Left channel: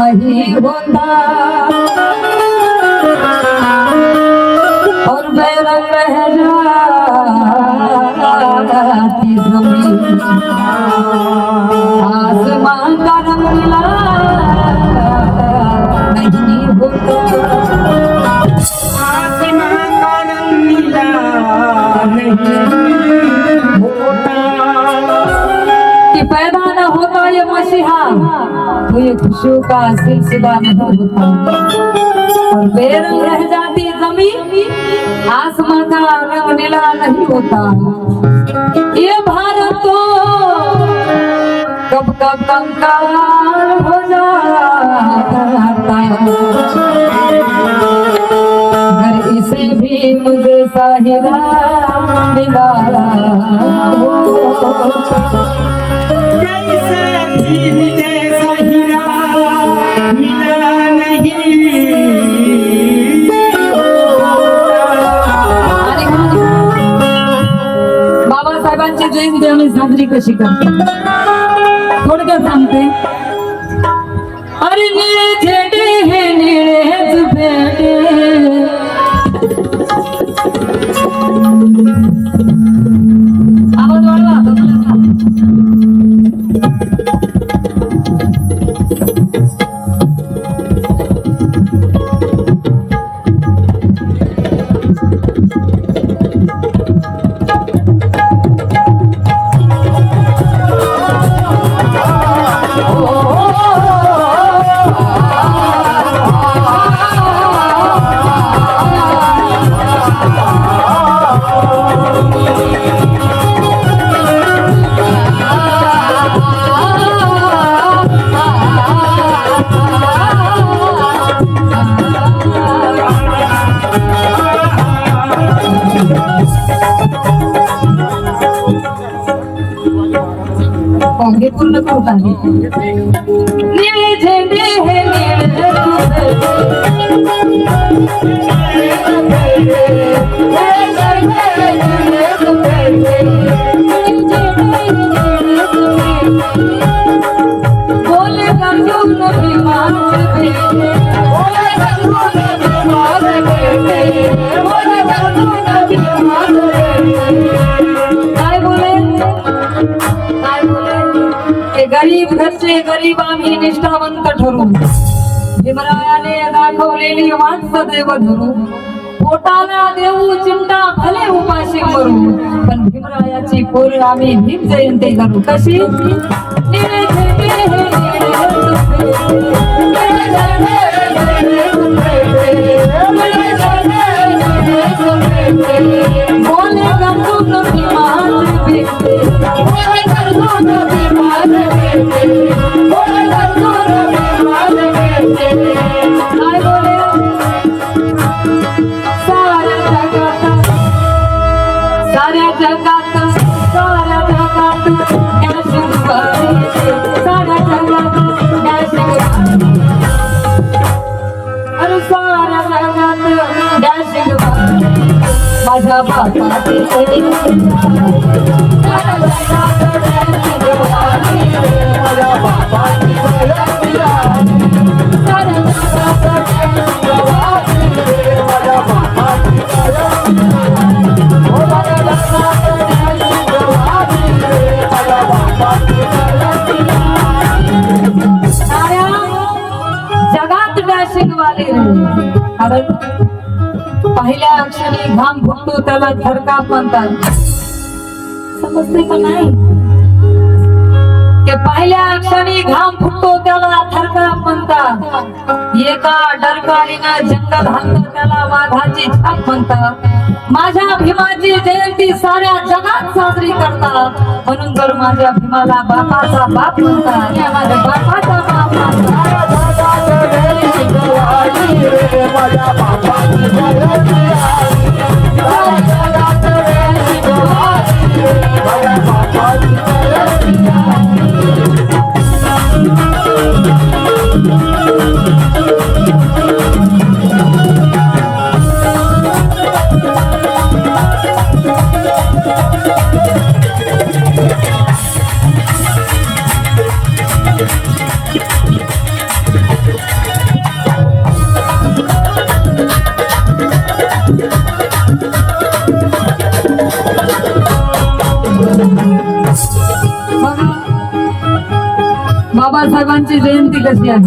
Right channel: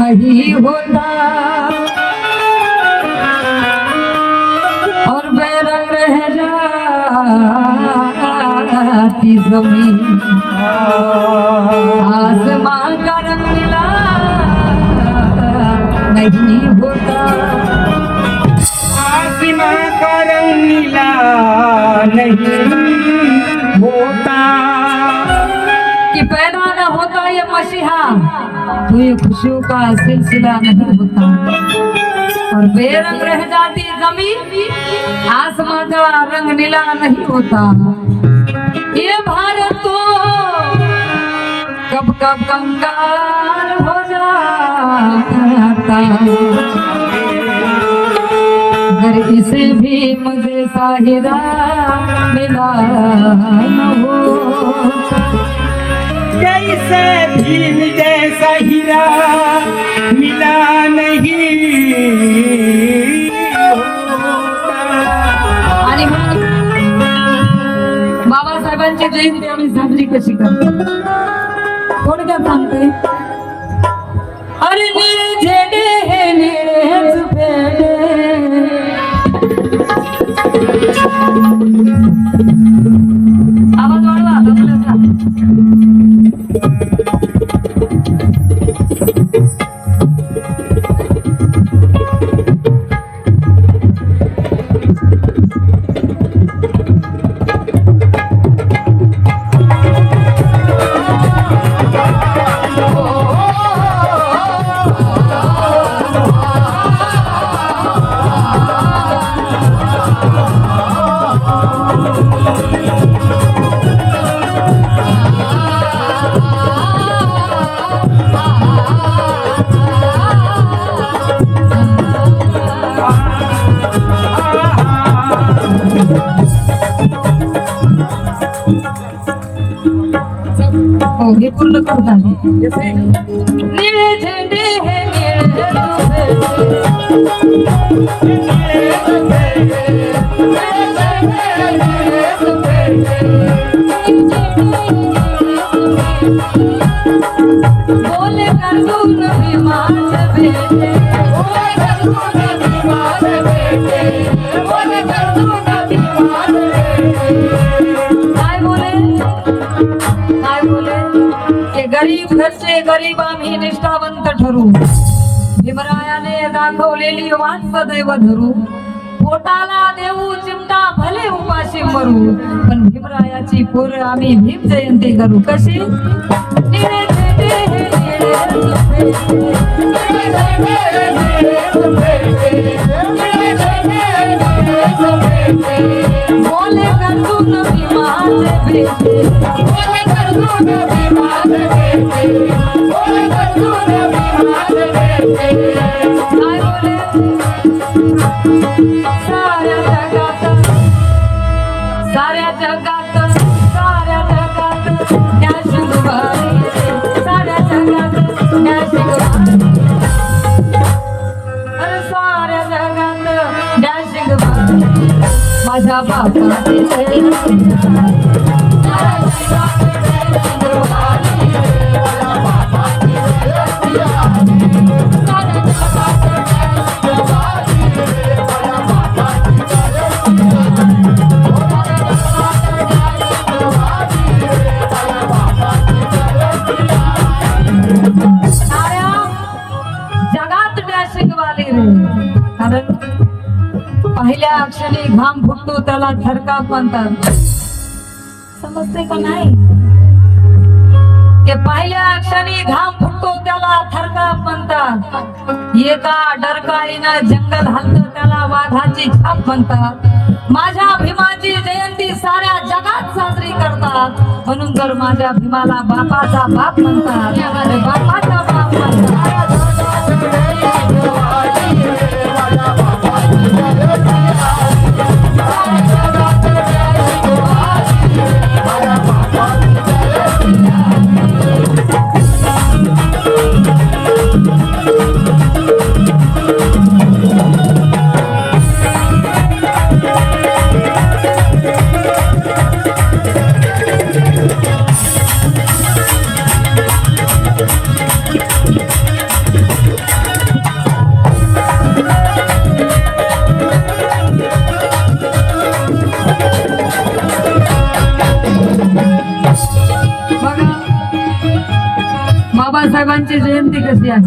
नहीं होता और बेरंग रह जाती जमीन आसमान का रंग मिला नहीं होता आसमान का रंग नीला नहीं होता कि पैदा न होता ये मसीहा तो ये खुशियों का सिलसिला नहीं होता और बेरंग रह जाती जमीन आसमान का रंग नीला नहीं होता। ये भारत तो कब कब कंगाल हो जाता अगर इसे भी मुझे साहिरा मिला हो कैसे भी मुझे हीरा मिला नहीं आणि बाबासाहेबांची जयंती आम्ही साजरी कशी करतो थोडक्यात सांगते। अरे निळे झेंडे हे निळेच भेंडे आवाज वाढवा हे पूर्ण करत आहे। निळे झेंडे हे बोले गंगून विमान बेटे गरीब घरचे गरीब आम्ही निष्ठावंत ठरू भीमरायाने दाखवलेली वाट सदैव धरू पोटाला देऊ चिमटा भले उपाशी मरू पण भीमरायाची पोर आम्ही भीम जयंती करू कशी बोले गंगून विमान साऱ्या जगात माझ्या बापाचे पहिल्या क्षणी घाम फुटतो त्याला थरकाप म्हणतात. समजते का नाही? ते पहिल्या क्षणी घाम फुटतो त्याला थरकाप म्हणतात. एका डरकाळीनं जंगल हल्लं त्याला वाघाची छाप म्हणतात. माझ्या भीमाची जयंती साऱ्या जगात साजरी करतात. म्हणून तर माझ्या भीमाला बापाचा बाप म्हणतात. माझ्या बापाचा बाप म्हणतात. बाबासाहेबांची जयंती कशी आहे?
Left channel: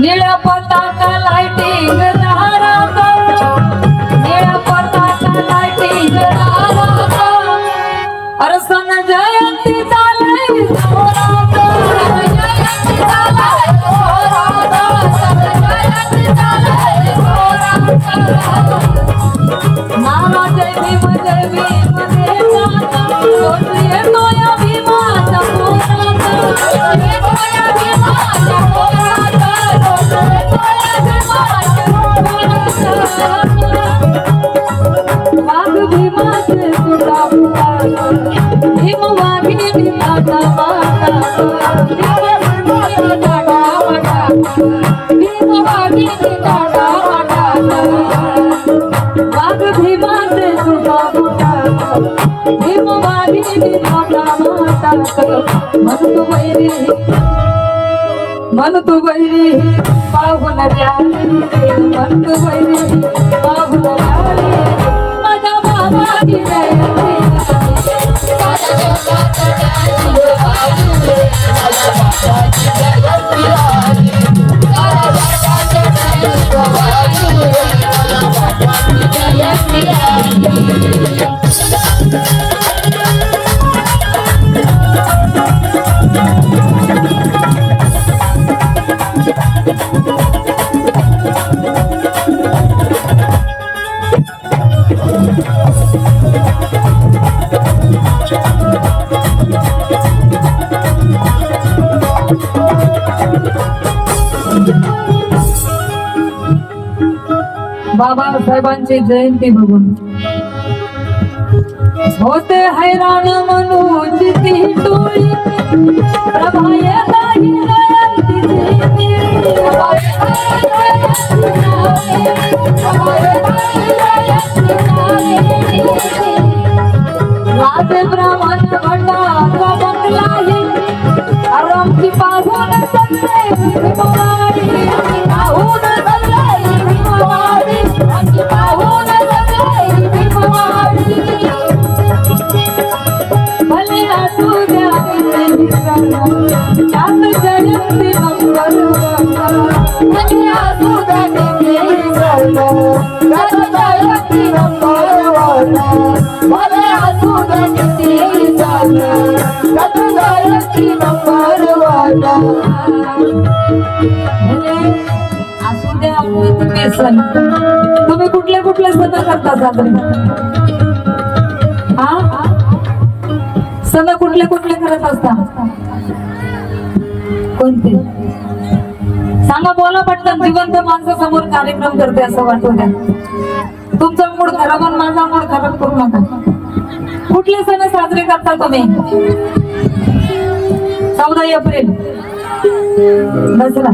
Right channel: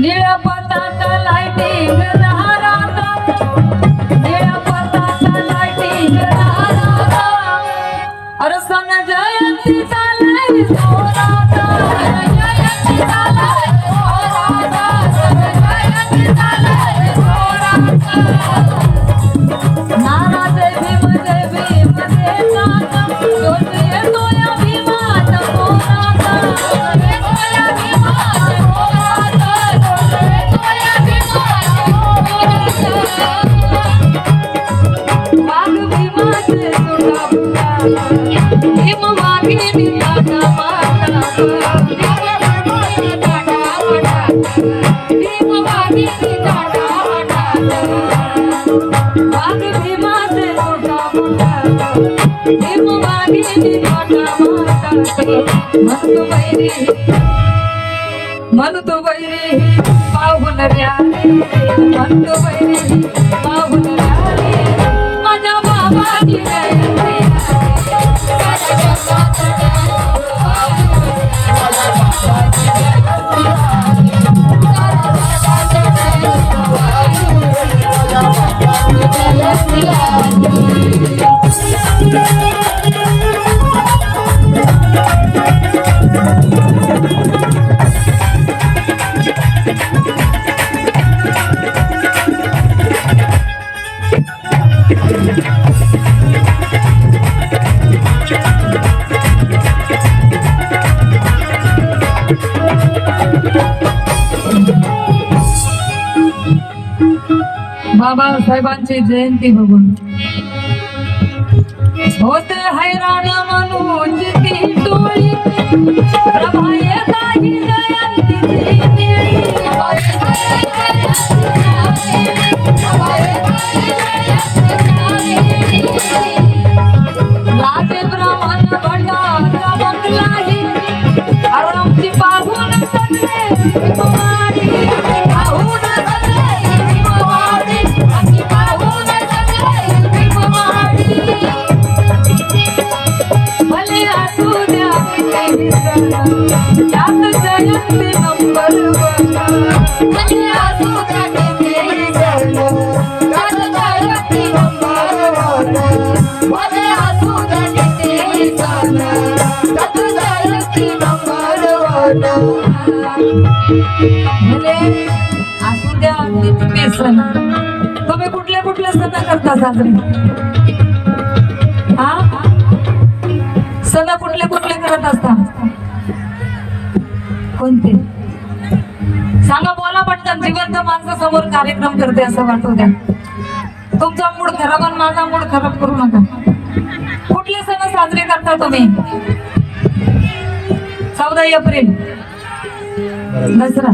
निळ्या पताका लाइटिंग राहतात, निळ्या पताका लाइटिंग राहतात. अरे सन जयंती चालय जोरात, जयंती चालय जोरात, जयंती चालय जोरात. नारा जय भीम जय भीम जय नाथ, जोशी येतो या भीमाचा जोरात. वाघ भीमाचे सुटा फुटा, भीम वाघिणी काटा वाटा, भीम वाघिणी काटा वाटा, भीम वाघिणी काटा वाटा. वाघ भीमाचे सुटा फुटा, भीम वाघिणी काटा वाटा. म्हणतो वैरी पाहून प्यारे, म्हणतो वैरी पाहून प्यारे. माझ्या बाबाची जयंती बाबासाहेबांची जयंती बघून होते हैराण मनोज ती टोळी. प्रभा येताही जयंतीची राजे ब्राह्मण भंडारा बंगलाही आरामची पाहून सगळे भीमवाडी, पाहून सगळे भीमवाडी, पाहून सगळे भीमवाडी. भले असू द्या किती सण, त्यात जयंती नंबर वन. भले असू द्या किती सण, त्यात जयंती नंबर वन. भले असू द्या किती सण, त्यात जयंती नंबर वन. भले असू द्या किती सण. तुम्ही कुठले कुठले सण करता साजरे? हा, सण कुठले कुठले करत असता? कोणते सांगा, बोला पटकन. जिवंत माणसा समोर कार्यक्रम करते असं वाटू द्या. तुमचा मूड खराब आणि माझा मूड खराब करू नका. कुठले सण साजरे करता तुम्ही? 14 एप्रिल दसरा.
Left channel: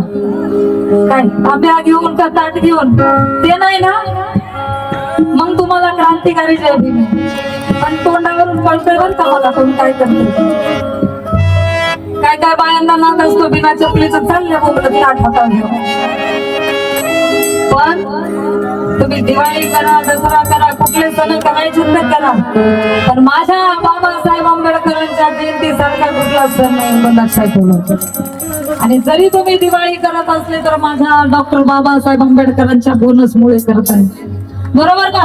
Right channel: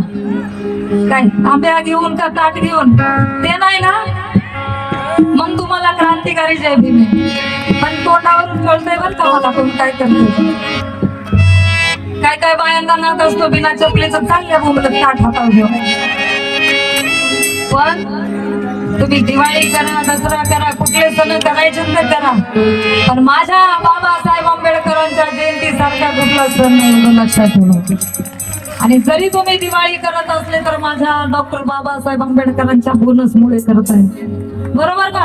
काय आंब्या घेऊन का ताट घेऊन? ते नाही ना. मग तुम्हाला क्रांतिकारी जय भीम, पण तोंडावरून कळतंय बरं का मला तुम्ही काय करतो. काय काय बायांना नात असतो बिना चपलीचं चालल्या बोलत ताट हातात घेऊन. पण तुम्ही दिवाळी करा, दसरा करा, कुठले सण करायचे तर करा, पण माझ्या बाबासाहेब आंबेडकरांच्या जयंती सारखा कुठला सण नाही एवढं लक्षात ठेवा. आणि जरी तुम्ही दिवाळी करत असले तर माझ्या डॉक्टर बाबासाहेब आंबेडकरांच्या बोनसमुळे करत आहे, बरोबर का?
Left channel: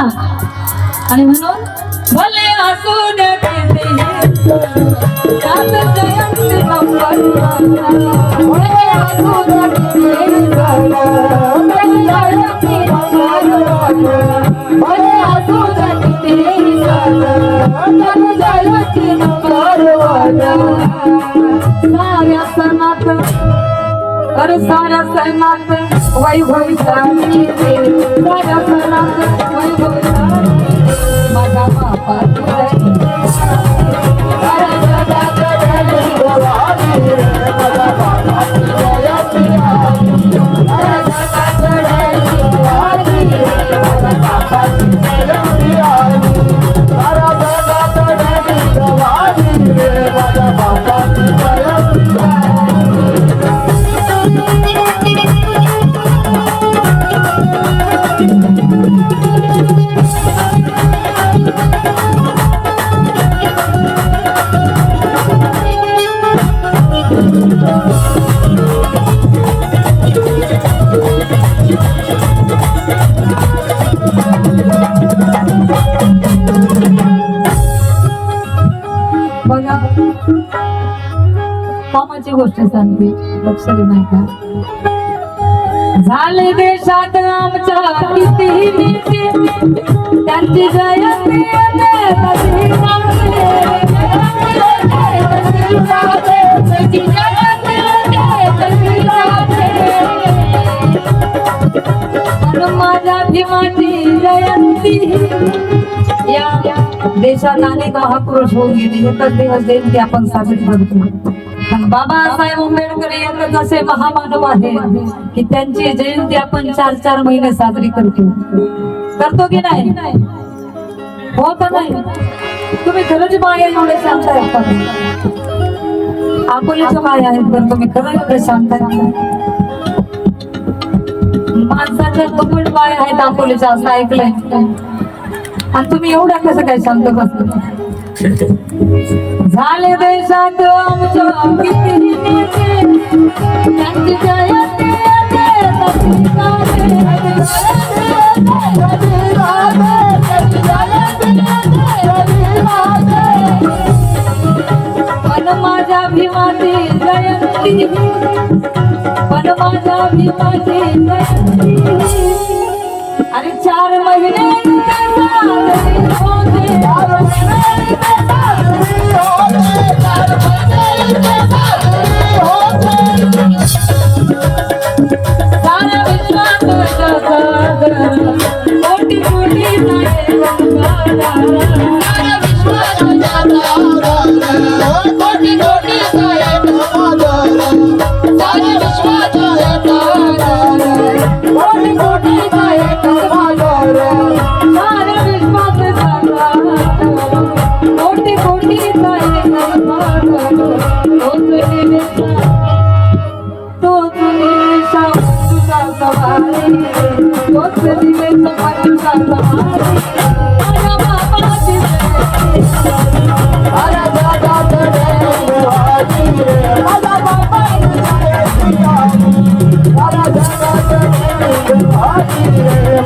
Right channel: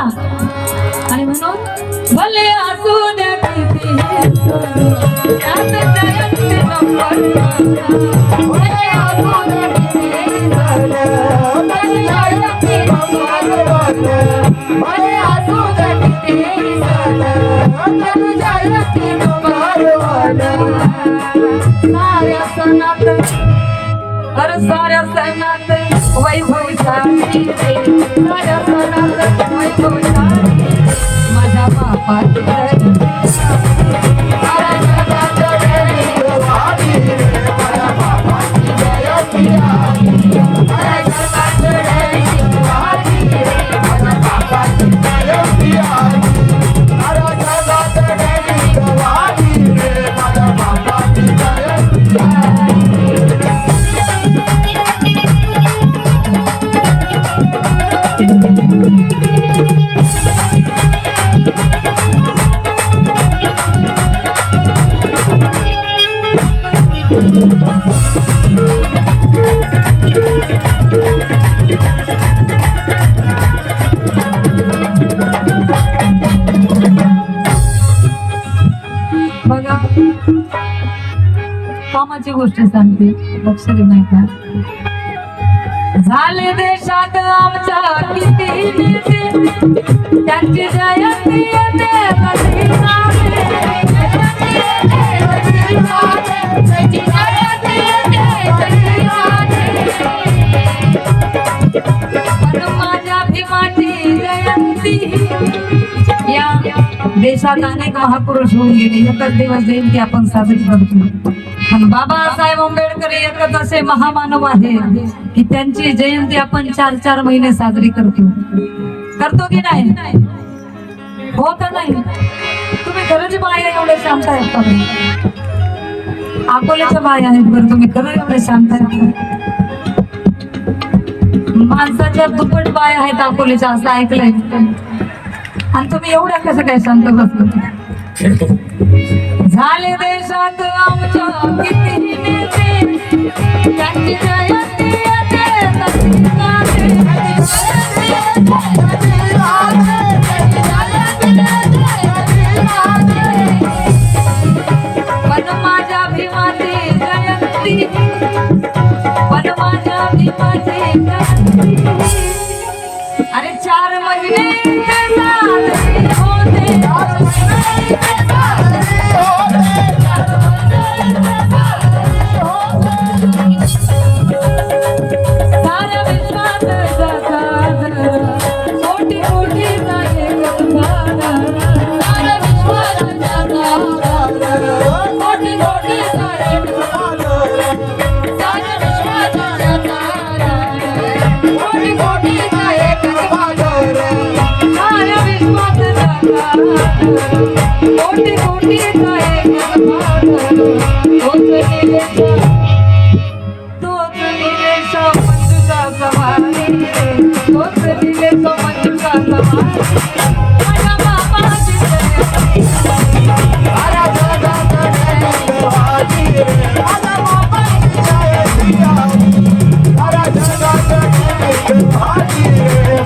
आणि म्हणून भले असू द्या किती हे सण, त्यात जयंती नंबर भले असू द्या किती हे सण, त्यात जयंती नंबर भले असू द्या किती हे सण, त्यात जयंती नंबर साऱ्या सणात अरे साऱ्या सणात वैभव सांगते साऱ्या सणात वैभव सांगते माझ्या बापाची बघा कामाची गोष्ट सांगते, लक्ष नाही का? झाले देशात आमच्या किती नेते, त्यांची जयंती येते कधी साजरी, त्यांची जयंती येते कधी साजरी. पण माझ्या भीमाची जयंती या देशात अनेक महापुरुष होऊन गेले, एकच दिवस जयंती आपण साजरी करतो. पण बाबासाहेब आंबेडकर एकच असे महामानव आहे की त्यांची जयंती आपण 4-4 महिने साजरी करतो की नाही? होत नाही? तुम्ही खरंच बाया एवढे शांत आहेत? अकोल्याच्या बाया आहेत पण तुम्ही खरंच एवढे शांत आहेत? माणसाच्या दुप्पट बाया आहेत अकोल्याच्या, असं ऐकलंय. आणि तुम्ही एवढ्या कसं काय शांत बसला? झाले देशात आमच्या किती नेते, त्यांची जयंती येते कधी साजरी, पण माझ्या भीमाची जयंती, पण माझ्या भीमाची जयंती अरे 4 महिने साजरी होते. साऱ्या विश्वात जगत मोठी मोठी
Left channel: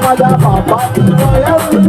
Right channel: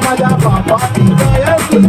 माझ्या बापाची जयंती